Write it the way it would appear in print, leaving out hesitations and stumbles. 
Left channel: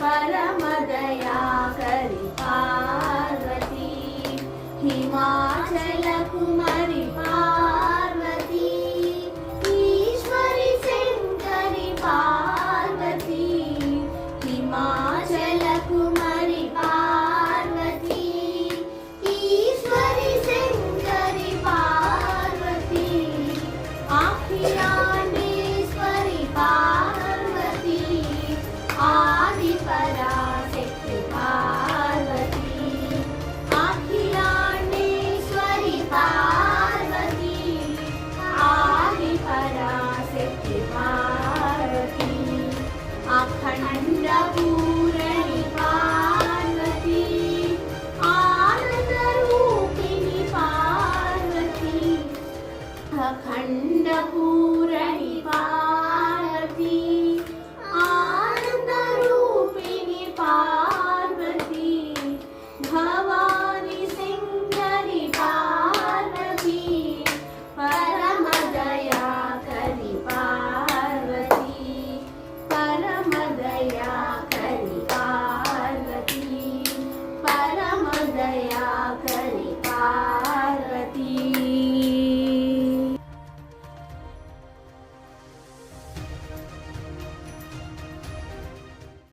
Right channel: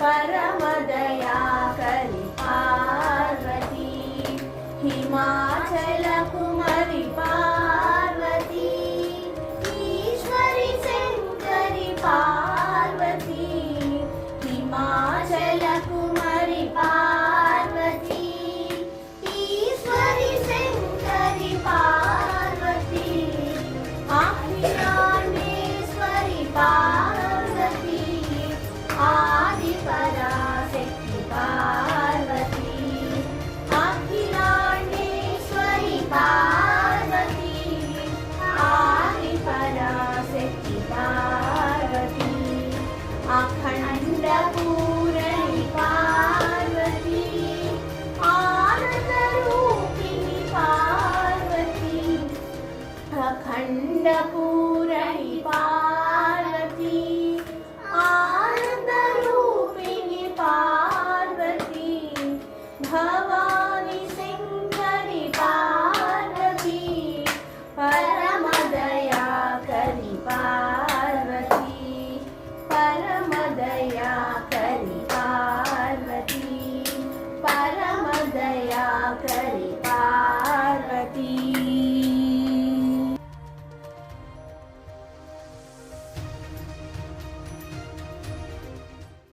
परमदयाकरि पार्वती हिमाचल कुमारी पार्वती ईश्वरी शंकरी पार्वती हिमाचल कुमारी पार्वती ईश्वरी शंकरी पार्वती अखिलांडेश्वरी पार्वती आदि पराशक्ति पार्वती अखिलांडेश्वरी पार्वती आदि पराशक्ति पार्वती अखंड पूरणी पार्वती आनंद रूपिणी पार्वती अखंड पूरणी पार्वती आनंद रूपिणी पार्वती भवानी शंकरी पार्वती परम दयाकरि पार्वती परम दयाकरि पार्वती परम दयाकरि पार्वती।